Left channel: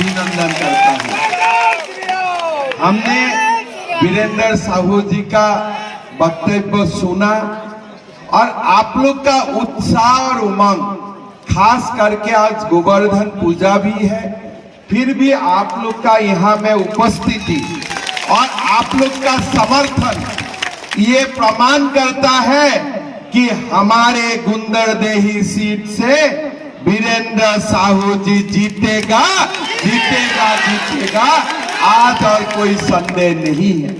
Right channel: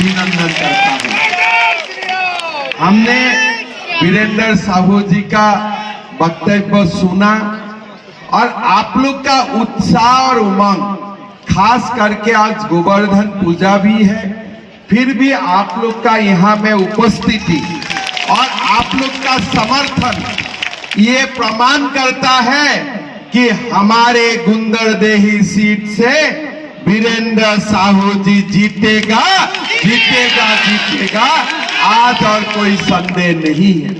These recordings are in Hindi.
अभिनंदन करता हूं। हमने वीरेंद्र साहू जी का वक्तव्य सुना और आप लोग का उत्साह और उमंग, खास करके आज गोवर्धन पूजा भी है, फिर भी आप लोग का यहाँ में उपस्थिति और आप लोग का समर्थन ये प्रमाण करता है कि हमारे गुंदरदेही सीट से वीरेंद्र साहू जी जीतेगा, जीतेगा, जीतेगा, आज और कोई संदेह नहीं है।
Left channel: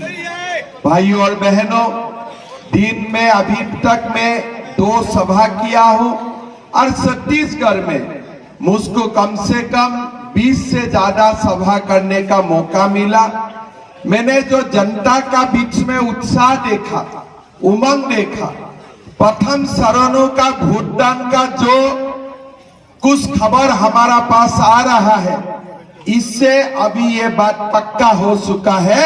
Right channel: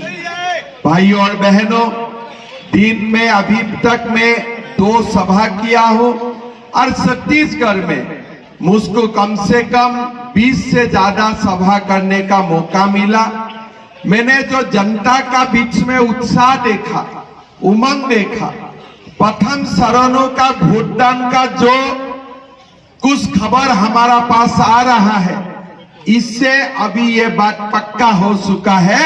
भाइयों और बहनों, दिन में अभी तक मैं 2 सभा किया हूं और छत्तीसगढ़ में मुझको कम से कम 20 से ज्यादा सभा करने का मौका मिला। मैंने जो जनता का बीच में उत्साह देखा, उमंग देखा, प्रथम चरणों का वोटदान का जो कुछ खबर हमारा पास आ रहा है, इससे अभी ये बात पक्का हो चुका है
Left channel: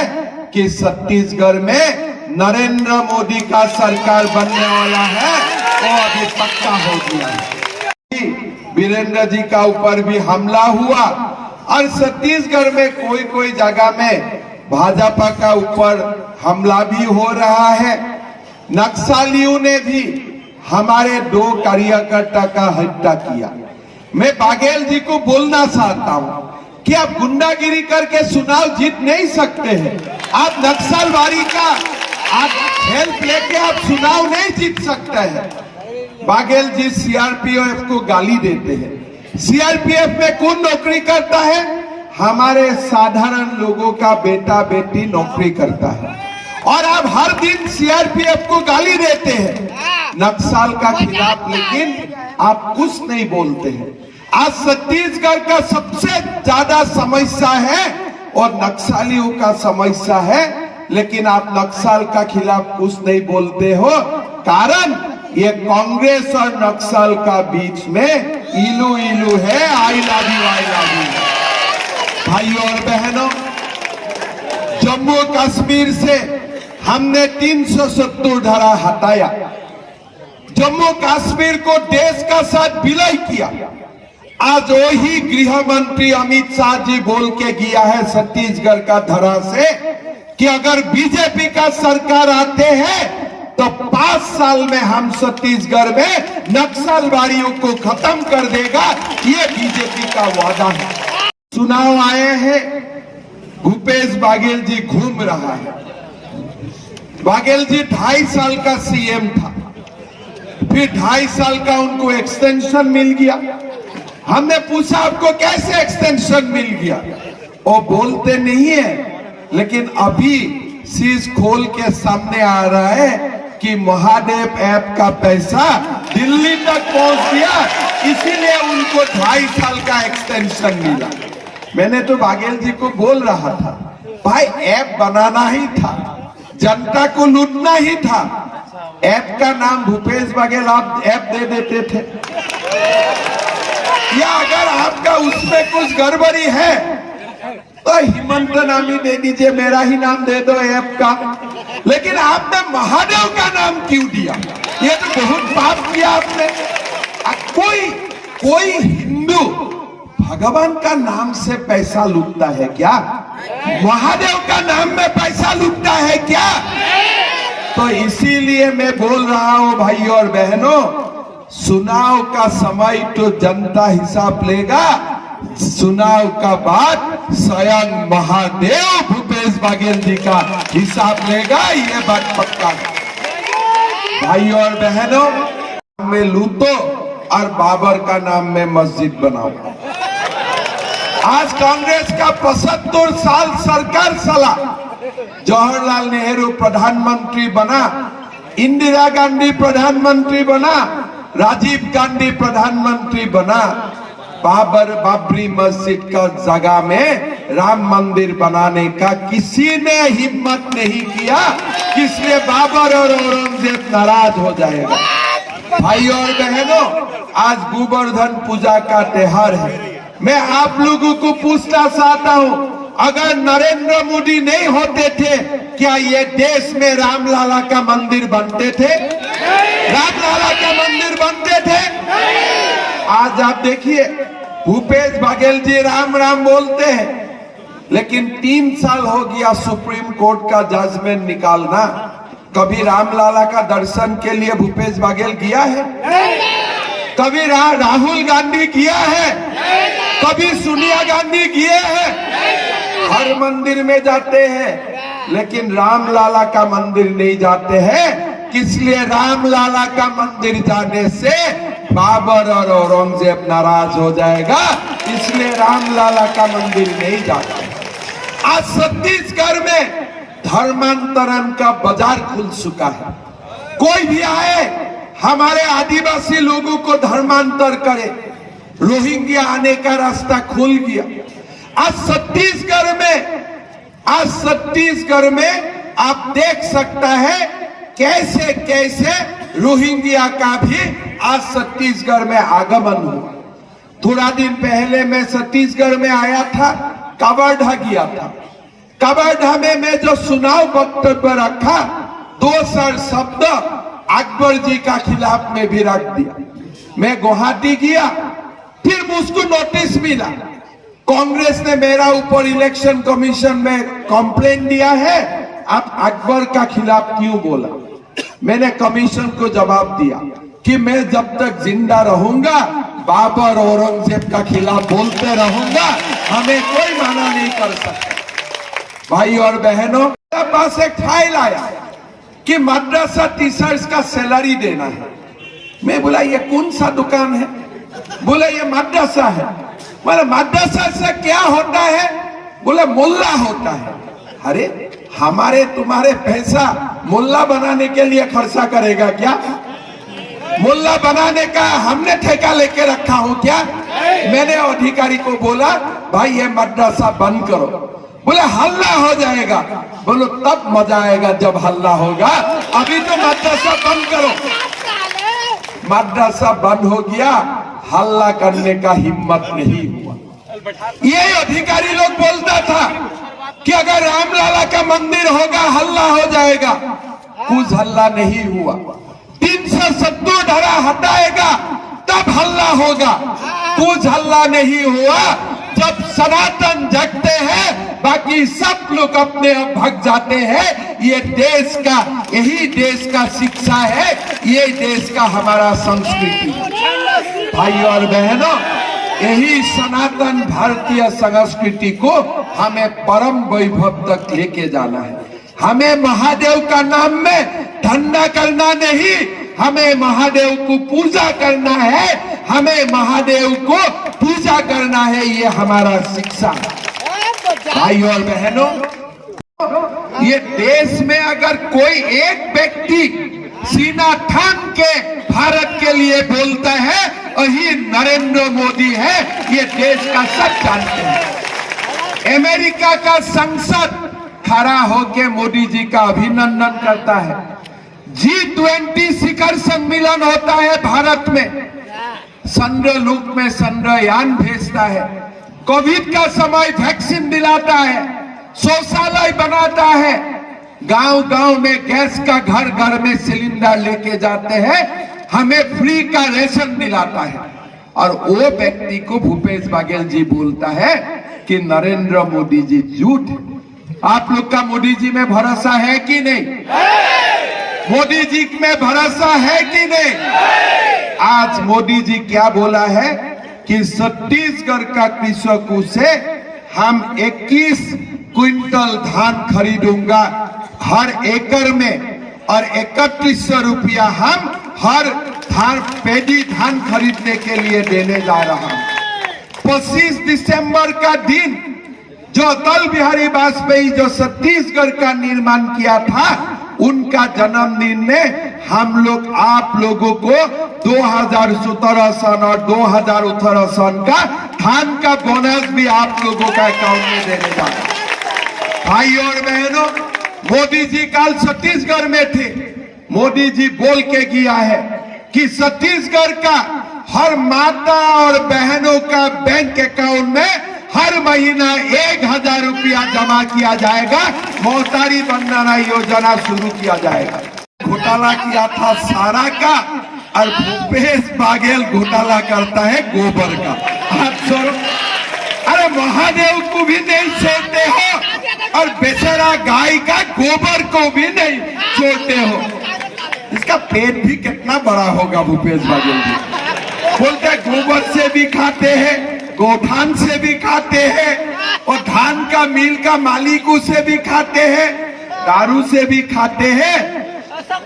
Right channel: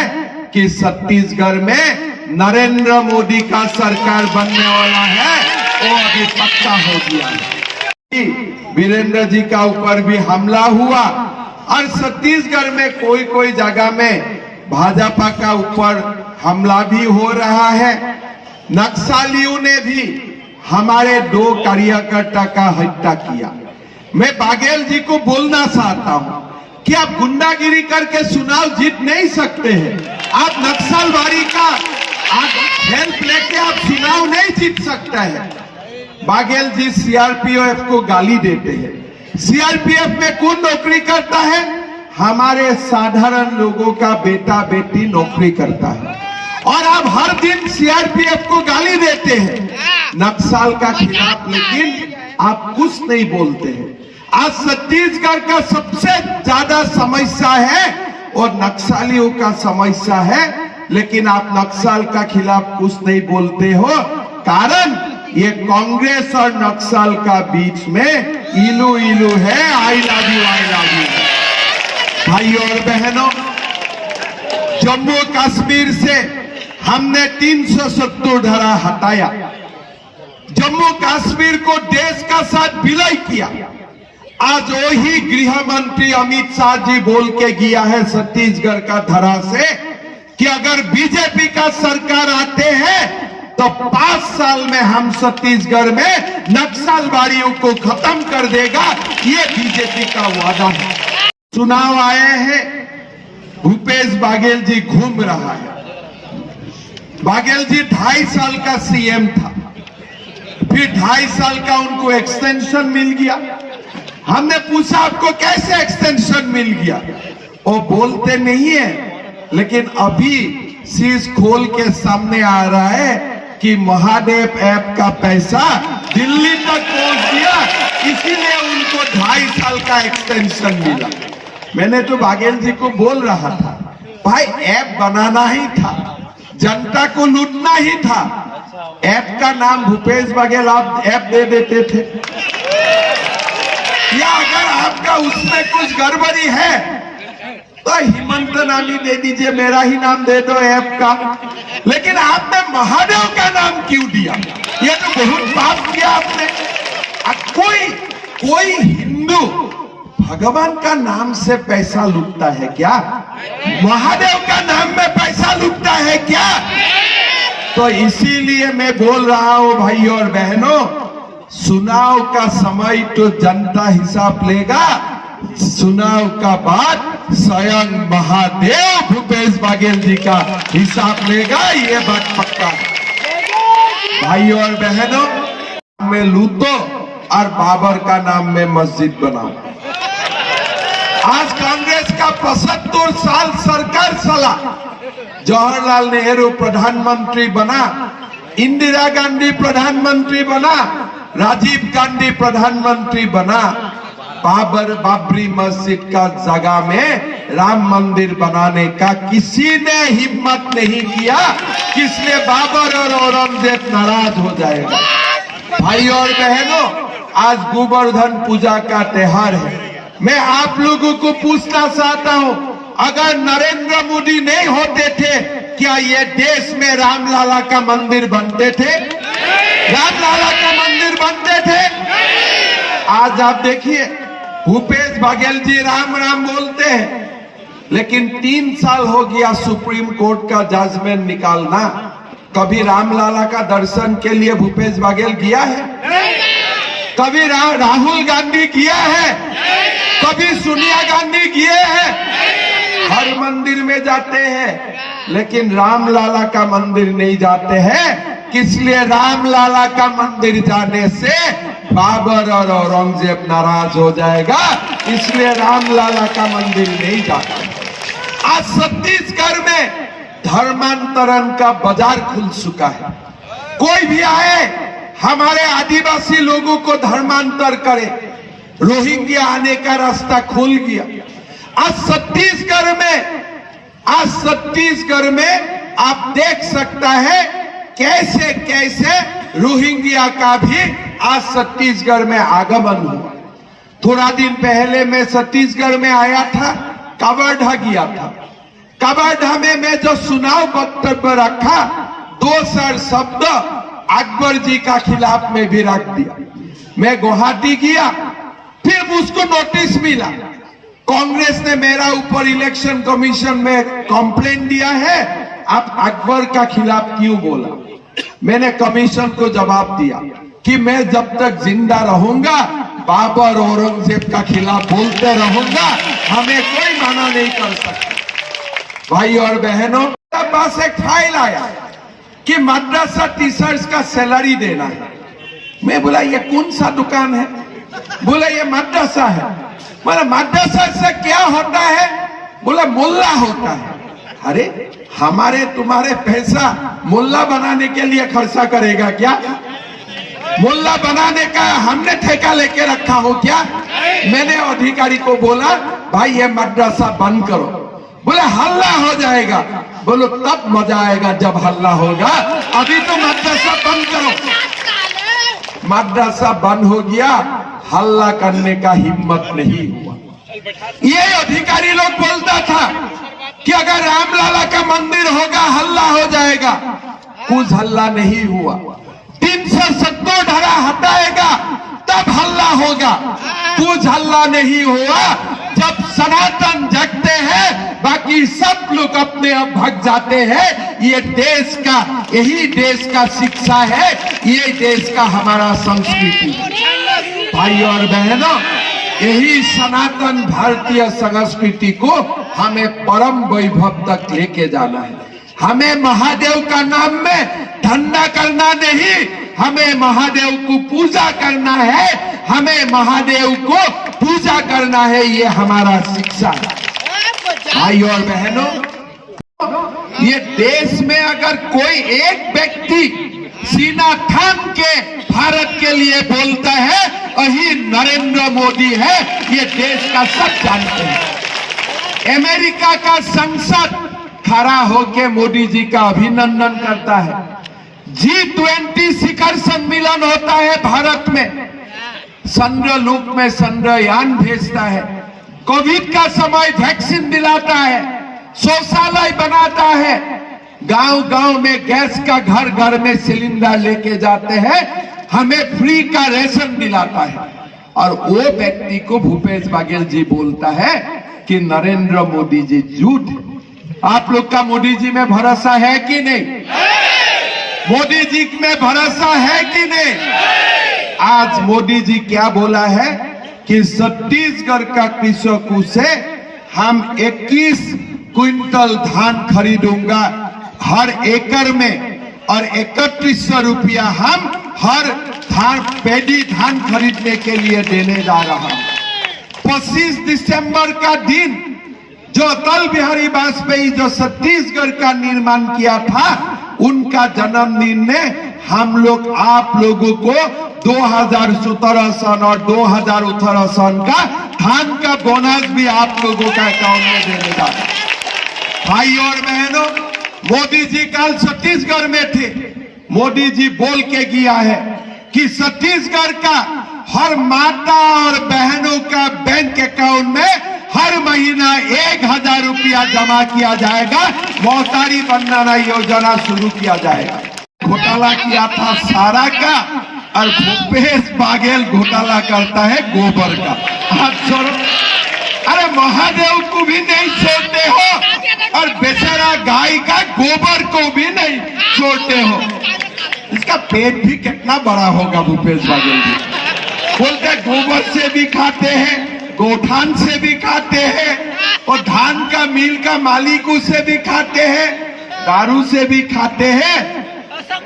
कि छत्तीसगढ़ में नरेंद्र मोदी का सरकार बनने वाला है, वो अभी पक्का हो गया है। वीरेंद्र जी का ऊपर भी हमला हुआ और छत्तीसगढ़ में कोई जगह में भाजपा का ऊपर हमला भी हो रहा है। नक्सलियों ने भी हमारे 2 कार्यकर्ता का हत्या किया। मैं बाघेल जी को बोलना चाहता हूं कि आप गुंडागिरी करके चुनाव जीत नहीं सकते हैं। आप नक्सलवादी का आप हेल्प लेके आप चुनाव नहीं जीत सकते हैं। बाघेल जी सीआरपीएफ को गाली देते हैं। सीआरपीएफ में कौन नौकरी करता है? हमारे साधारण लोगों का बेटा बेटी नौकरी करता है और आप हर दिन सीआरपीएफ को गाली देते हैं नक्सल का खिलाफ, लेकिन आप कुछ नहीं बोलते हैं। आज छत्तीसगढ़ का सबसे ज्यादा समस्या है और नक्सलियों का समस्या है, लेकिन आप नक्सल का खिलाफ कुछ नहीं बोलते हो। कारण ये कांग्रेस और नक्सल का बीच में इलू इलू है। I love you, I love you. भाइयों और बहनों, जम्मू कश्मीर से हमने 370 धारा हटाया, जम्मू कश्मीर को देश का साथ विलय किया। आज वही गृह मंत्री अमित शाह जी बोल के गया है छत्तीसगढ़ का धरा से कि अगर बीजेपी का सरकार आते हैं तो 5 साल में हम छत्तीसगढ़ में नक्सलवादियों को खत्म कर देगा। ये बीजेपी का वादा है। चुनाव आए हैं, भूपेश बाघेल जी घूम रहा है। बाघेल जी 2.5 साल का सीएम था, फिर 2.5 साल का उनको एक्सटेंशन मिल गया। हमने पूछा आपको कैसे एक्सटेंशन मिल गया? वो बोलते नहीं है, लेकिन अभी शीश खोल के सामने आ रहा है कि महादेव ऐप का पैसा दिल्ली तक पहुंच गया, इसीलिए उनको 2.5 साल का एक्सटेंशन मिला। मैंने तो बाघेल जी को बोल रहा था, भाई ऐप बनाना ही था, जनता को लूटना ही था। ऐप का नाम भूपेश बाघेल आप ऐप दे देते थे, या अगर आपका उसमें कुछ गड़बड़ी है तो हिमंत नाम ही दे दीजिए, मेरा ही नाम दे दो ऐप का। लेकिन आपने महादेव का नाम क्यों दिया? ये तो बहुत पाप किया आपने। कोई हिंदू भगवान का नाम से पैसा लूटता है क्या? महादेव का नाम में पैसा लूटता है क्या? तो इसीलिए मैं बोल रहा हूं भाइयों और बहनों, चुनाव का समय तो जनता हिसाब लेगा, चुनाव का बाद स्वयं महादेव भूपेश बाघेल जी का हिसाब लेगा, ये बात पक्का है। भाइयों और बहनों, में लूटो और बाबर का नाम में मस्जिद बनाओ। आज कांग्रेस का 75 साल सरकार चला, जवाहरलाल नेहरू प्रधानमंत्री बना, इंदिरा गांधी प्रधानमंत्री बना, राजीव गांधी प्रधानमंत्री बना। बाबरी मस्जिद का जगह में राम मंदिर बनाने का किसी ने हिम्मत नहीं किया, इसलिए बाबर और औरंगजेब नाराज हो जाएगा। भाइयों और बहनों, आज गोवर्धन पूजा का त्योहार है। मैं आप लोगों को पूछना चाहता हूं, अगर नरेंद्र मोदी नहीं होते थे, क्या ये देश में रामलाला का मंदिर बनते थे? रामलाला का मंदिर बनते थे? आज आप देखिए भूपेश बघेल जी राम राम बोलते हैं, लेकिन 3 साल हो गया सुप्रीम कोर्ट का जजमेंट निकालना। कभी रामलाला का दर्शन के लिए भूपेश बघेल गया है? कभी राहुल गांधी किया है? कभी सोनिया गांधी किए हैं? हर मंदिर में जाते हैं, लेकिन रामलाला का मंदिर नहीं जाते हैं। इसलिए रामलाला का मंदिर जाने से बाबर और औरंगजेब नाराज हो जाएगा, इसलिए रामलाला का मंदिर नहीं जाते। आज छत्तीसगढ़ में धर्मांतरण का बाजार खुल चुका है। कोई भी आए हमारे आदिवासी लोगों को धर्मांतर करे, रोहिंग्या आने का रास्ता खुल गया। आज छत्तीसगढ़ में आप देख सकता है कैसे कैसे रोहिंग्या का भी आज छत्तीसगढ़ में आगमन हुआ। थोड़ा दिन पहले मैं छत्तीसगढ़ में आया था, कवर्धा गया था। कवर्धा में मैं जो चुनाव वक्तव्य रखा, 2 शब्द अकबर जी का खिलाफ में भी रख दिया। मैं गुवाहाटी गया, फिर मुझको नोटिस मिला, कांग्रेस ने मेरा ऊपर इलेक्शन कमीशन में कंप्लेंट दिया है, आप अकबर का खिलाफ क्यों बोला? मैंने कमीशन को जवाब दिया कि मैं जब तक जिंदा रहूंगा बाबर औरंगजेब का खिलाफ बोलते रहूंगा, हमें कोई माना नहीं कर सकता। भाई और बहनों, पास एक फाइल आया कि मद्रासा टीचर्स का सैलरी देना है। मैं बोला ये कौन सा दुकान है? बोला ये मद्रासा है। बोला मद्रासा से क्या होता है? बोला मुल्ला होता है। अरे हमारे तुम्हारे पैसा मुल्ला बनाने के लिए खर्चा करेगा क्या? मुल्ला बनाने का हमने ठेका लेके रखा हो क्या? मैंने अधिकारी को बोला भाई ये मद्रासा बंद करो। बोले हल्ला हो जाएगा। बोलो तब मजा आएगा जब हल्ला होगा, अभी तो मद्रासा बंद करो। मद्रासा बंद हो गया, हल्ला करने का हिम्मत नहीं हुआ। ये अधिकारी लोग बोलता था कि अगर रामलाला का मंदिर होगा हल्ला हो जाएगा, कुछ हल्ला नहीं हुआ। 370 धारा हटाएगा तब हल्ला होगा, कुछ हल्ला नहीं हुआ। जब सनातन जगते हैं बाकी सब लोग अपने आप भाग जाते हैं। ये देश का, यही देश का शिक्षा है, ये देश का हमारा संस्कृति। भाई और बहनों, यही सनातन भारतीय संस्कृति को हमें परम वैभव तक लेके जाना है। हमें महादेव का नाम में धंधा करना नहीं, हमें महादेव को पूजा करना है, हमें महादेव को पूजा करना है, ये हमारा शिक्षा है। भाई और बहनों, ये देश में अगर कोई एक व्यक्ति सीना थाम के भारत के लिए बोलता है, वही नरेंद्र मोदी है। ये देश का सब जानते हैं। अमेरिका का संसद खड़ा होके मोदी जी का अभिनंदन करता है। G20 शिखर सम्मेलन होता है भारत में, चंद्रलोक में चंद्रयान भेजता है, कोविड का समय वैक्सीन दिलाता है, शौचालय बनाता है, गांव-गांव में गैस का घर घर में सिलेंडर लेके जाते हैं, हमें फ्री का रेशन दिलाता है। और वो व्यक्ति को भूपेश बघेल जी बोलता है कि नरेंद्र मोदी जी झूठ है। आप लोग का मोदी जी में भरोसा है कि नहीं? मोदी जी में भरोसा है कि नहीं? आज मोदी जी क्या बोला है कि छत्तीसगढ़ का कृषकों से हम 21 क्विंटल धान खरीदूंगा हर एकड़ में, और 3100 रुपया हम हर पेडी धान खरीदने के लिए देने जा रहा हूं। 25 दिसंबर का दिन जो अटल बिहारी वाजपेयी जो छत्तीसगढ़ का निर्माण किया था, उनका जन्मदिन में हम लोग आप लोगों को 2017 सन और 2018 सन का धान का बोनस भी आप लोगों का अकाउंट में देने जा रहा है। भाई और बहनों, मोदी जी कल छत्तीसगढ़ में थे। मोदी जी बोल के गया है कि छत्तीसगढ़ का हर माता और बहनों का बैंक अकाउंट में हर महीना 1000 रुपया जमा किया जाएगा, मोहतारी बनाना योजना शुरू किया जाएगा। घोटाला किया था सारा का, और भूपेश बागेल घोटाला करता है गोबर का। आप छोड़ो, अरे महादेव को भी नहीं छोड़ते हो और बेचारा गाय का गोबर को भी नहीं छोड़ते हो। इसका पेट भी कितना बड़ा होगा भूपेश बागेल जी। बोलते हैं गोबर से भी खाते हैं, गोठान से भी खाते हैं, और धान का मिल का मालिकों से भी खाते हैं, दारू से भी खाते हैं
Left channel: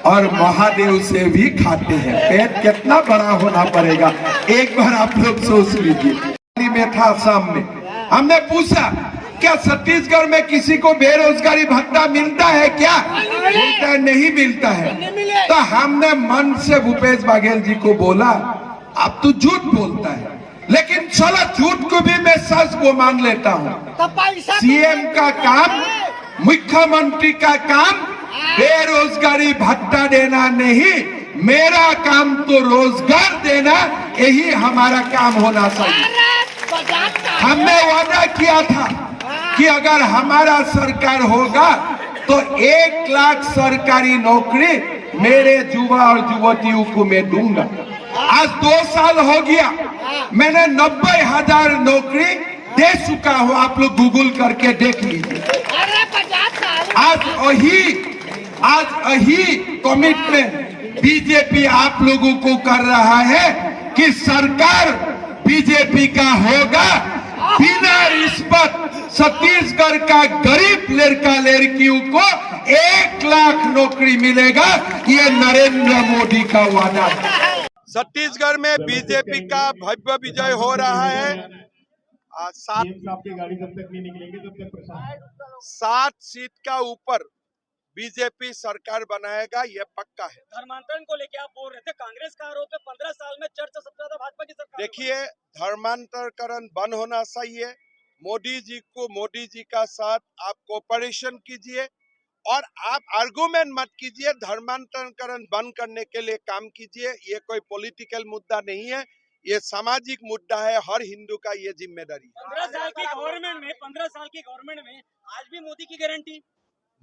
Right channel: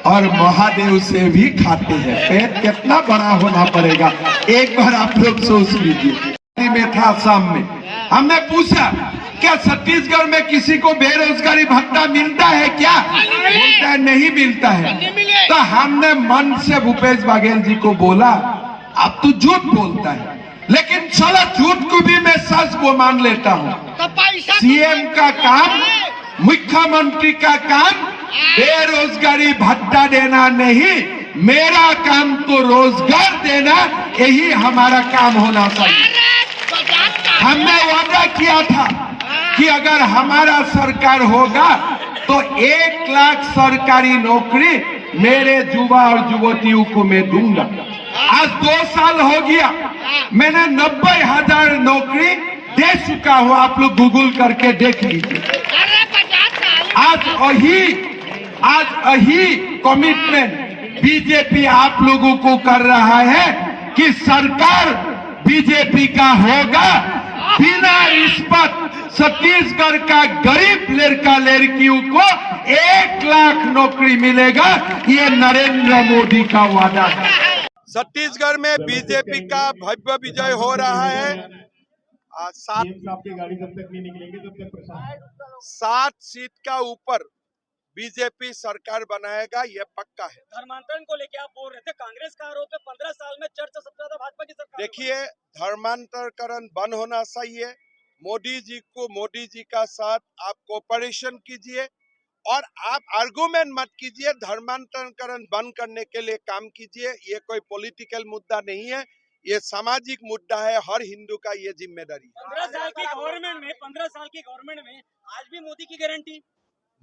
और महादेव से भी खाते हैं। पेट कितना बड़ा होना पड़ेगा, एक बार आप लोग सोच लीजिए। में था शाम में, हमने पूछा क्या छत्तीसगढ़ में किसी को बेरोजगारी भत्ता मिलता है क्या? बोलता है नहीं मिलता है। तो हमने मन से भूपेश बागेल जी को बोला आप तो झूठ बोलता है, लेकिन चलो झूठ को भी मैं सच को मान लेता हूँ। सीएम का काम, मुख्यमंत्री का काम बेरोजगारी भत्ता देना नहीं, मेरा काम तो रोजगार देना, यही हमारा काम होना चाहिए। हमने वादा किया था कि अगर हमारा सरकार होगा तो 1 लाख सरकारी नौकरी मेरे युवा और युवतियों को मैं दूंगा। आज 2 साल हो गया, मैंने 90,000 नौकरी दे चुका हूं। आप लोग गूगल करके देख लीजिए। आज यही कमिटमेंट बीजेपी आप लोगों को कर रहा है कि सरकार बीजेपी का होगा, बिना रिश्वत छत्तीसगढ़ का गरीब लड़का लड़कियों को 1 लाख नौकरी मिलेगा। ये नरेंद्र मोदी का वादा है। छत्तीसगढ़ में बीजेपी का भव्य विजय हो रहा है। 7 सीट का ऊपर बीजेपी सरकार बनाएगा, ये पक्का है। धर्मांतरण को लेकर आप बोल रहे थे, कांग्रेस का आरोप है 15 साल में चर्चा सबसे ज्यादा भाजपा की सरकार। देखिए, धर्मांतरण बंद होना चाहिए। मोदी जी का साथ आप कोऑपरेशन कीजिए और आप आर्गुमेंट मत कीजिए। धर्मांतरण बंद करने के लिए काम कीजिए। ये कोई पॉलिटिकल मुद्दा नहीं है, ये सामाजिक मुद्दा है। हर हिंदू का ये जिम्मेदारी है। 15 साल की गवर्नमेंट में आज भी मोदी की गारंटी,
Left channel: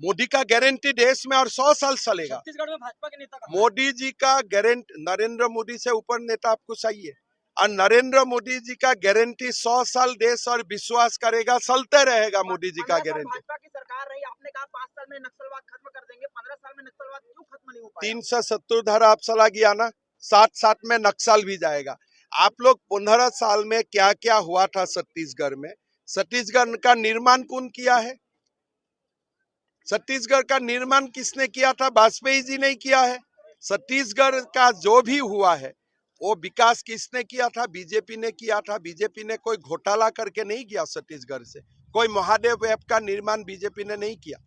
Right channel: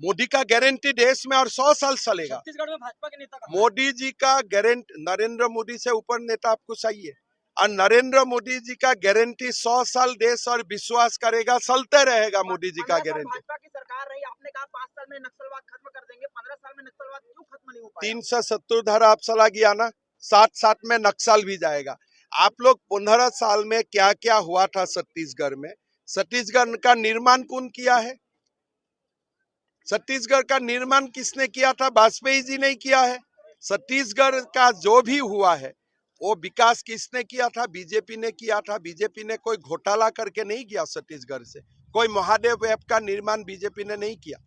मोदी का गारंटी देश में और 100 साल चलेगा। छत्तीसगढ़ में भाजपा के नेता का मोदी जी का गारंटी, नरेंद्र मोदी से ऊपर नेता आपको चाहिए, और नरेंद्र मोदी जी का गारंटी 100 साल देश और विश्वास करेगा, चलते रहेगा। मोदी जी का गारंटी। भाजपा की सरकार रही, आपने कहा 5 साल में नक्सलवाद खत्म कर देंगे, 15 साल में नक्सलवाद क्यों खत्म नहीं हो पाया? 370 धारा आप चला गया ना, 7 में नक्सल भी जाएगा। आप लोग 15 साल में क्या क्या हुआ था छत्तीसगढ़ में? छत्तीसगढ़ का निर्माण कौन किया है? छत्तीसगढ़ का निर्माण किसने किया था? वाजपेयी जी ने किया है। छत्तीसगढ़ का जो भी हुआ है वो विकास किसने किया था? बीजेपी ने किया था। बीजेपी ने कोई घोटाला करके नहीं किया छत्तीसगढ़ से। कोई महादेव ऐप का निर्माण बीजेपी ने नहीं किया।